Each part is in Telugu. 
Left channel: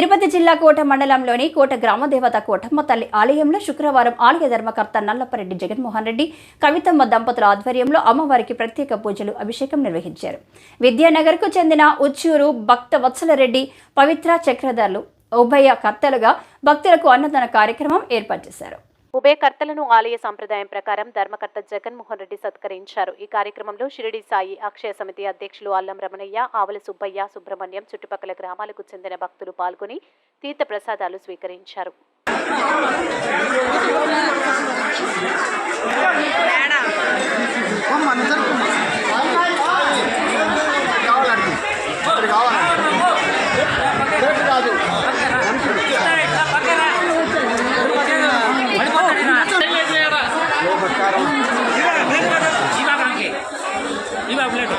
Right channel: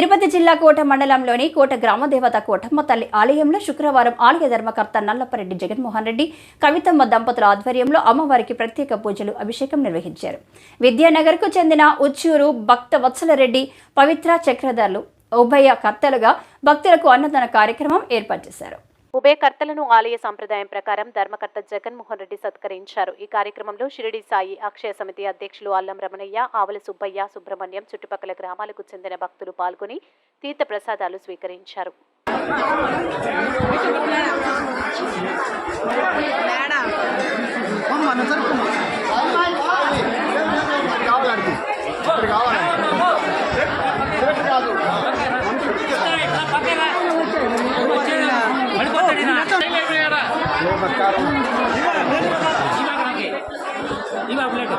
తిరుపతి జిల్లా కోట మండలంలోని కోట గ్రామదేవత కోటమ్మ తల్లి ఆలయంలో శుక్రవారం ఆలయ ధర్మకర్త నల్లపరెడ్డి జగన్మోహన్ రెడ్డి కవితమ్మ దంపతుల ఆధ్వర్యంలో అమ్మవారికి ప్రత్యేక పూజలు అభిషేకం నిర్వహించారు. విద్యానగర్కు చెందిన ఉచ్చూరు భక్త వత్సలరెడ్డి పవిత్ర చక్రధర్లు ఉభయ కర్తలుగా భక్తులకు అన్నదాన కార్యక్రమం ఏర్పాటు చేశారు. ఉభయకర్తలను ఆలయ సంప్రదాయం ప్రకారం ధర్మకర్త జగన్మోహన్ రెడ్డి సత్కరించారు. ఈ కార్యక్రమంలో షిరిడి సాయి అక్షయ సమితి అధ్యక్షులు అల్లం రమణయ్య ఆవల సుబ్బయ్య సుబ్రహ్మణ్యం చుట్టుపక్కల గ్రామాలకు చెందిన భక్తులు పాల్గొని తీర్థ ప్రసాదాలు స్వీకరించారు. ಇವಾಗ ಹಾಗೆ ಇವಾಗ ಪ್ಲೇಟು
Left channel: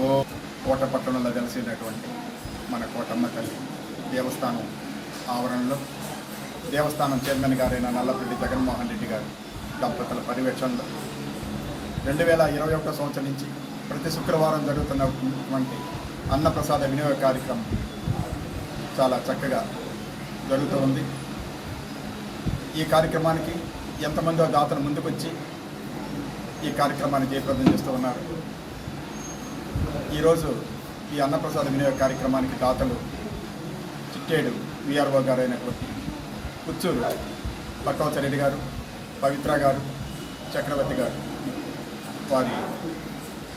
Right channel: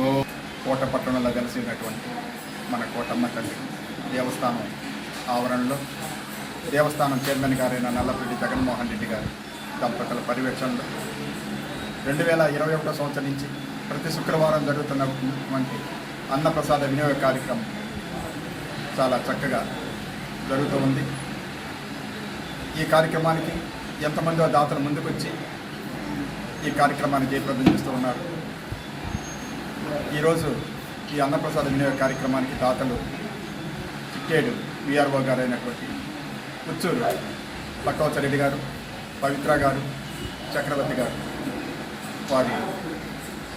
ఓ కోట పట్టణంలో కలిసినటువంటి మన కోటమ్మ తల్లి. దేవస్థానం ఆవరణలో దేవస్థానం చైర్మన్ గారైన నల్లపల్లి జగన్మోహన్ రెడ్డి గారు దంపతుల పర్యవేక్షణలో రెండు వేల ఇరవై ఒకటో సంవత్సరం నుంచి ప్రతి శుక్రవారం జరుగుతున్నటువంటి అన్నప్రసాద వినియోగ కార్యక్రమం చాలా చక్కగా జరుగుతూ ఉంది. ఈ కార్యక్రమానికి ఎంతమందో దాతలు ముందుకొచ్చి ఈ కార్యక్రమాన్ని జయప్రదం చేస్తూ ఉన్నారు. ఈరోజు ఈ అన్నప్రసాద వినియోగ కార్యక్రమానికి దాతలు కేడు విఆర్ఓ గారు అయినటువంటి పుత్తూరు పక్కవచ్చరెడ్డి గారు పవిత్ర గారు చక్రవర్తి గారు వారి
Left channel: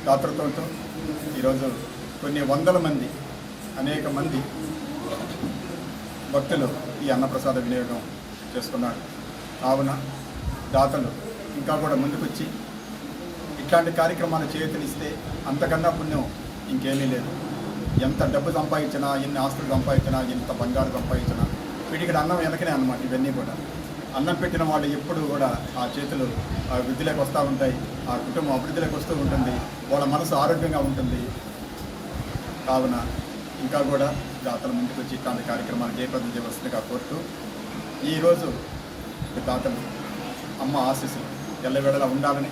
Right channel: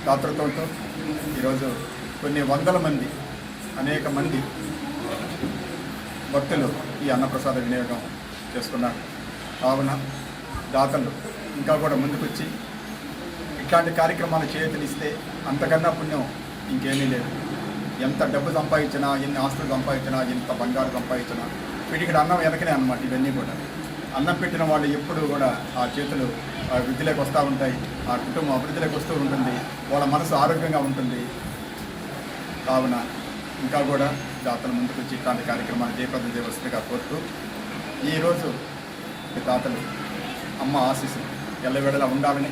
దాతృత్వంతో ఈరోజు కొన్ని వందల మంది అనేక మంది భక్తులు ఈ అన్నప్రసాద వినియోగం చేసుకున్నారు కావున దాతలు ఇంకా కూడా ముందుకొచ్చి ఇట్లాంటి కార్యక్రమాలు చేతనిస్తే అంతకన్నా పుణ్యం ఇంకేమీ లేదు. ఎంత డబ్బు సంపాదించినా ఎన్ని ఆస్తులు సంపాదించినా ఎంత బంగారు సంపాదించినా వీటికి అన్నం వెనకనే అన్నమాట ఇవన్నీ కూడా. అన్నం పెట్టిన వాళ్ళు ఎప్పుడు కూడా ఆ చేతులు ఆ వృద్ధిలోకి వస్తూ ఉంటాయి ఆ కుటుంబం అభివృద్ధిలోకి వస్తూ ఉంటుంది వాళ్ళ మనసు ఆరోగ్యంగా ఉంటుంది. కావున ఇంకా కూడా దాతల ముందుకు వచ్చి ఇట్లాంటి కార్యక్రమాలు జయప్రదం చేయవలసిందిగా కోరుతూ ఈరోజు ఈ దాతలు అమ్మ ఆశీస్సులు ఎల్లవేళలా ఉండాలని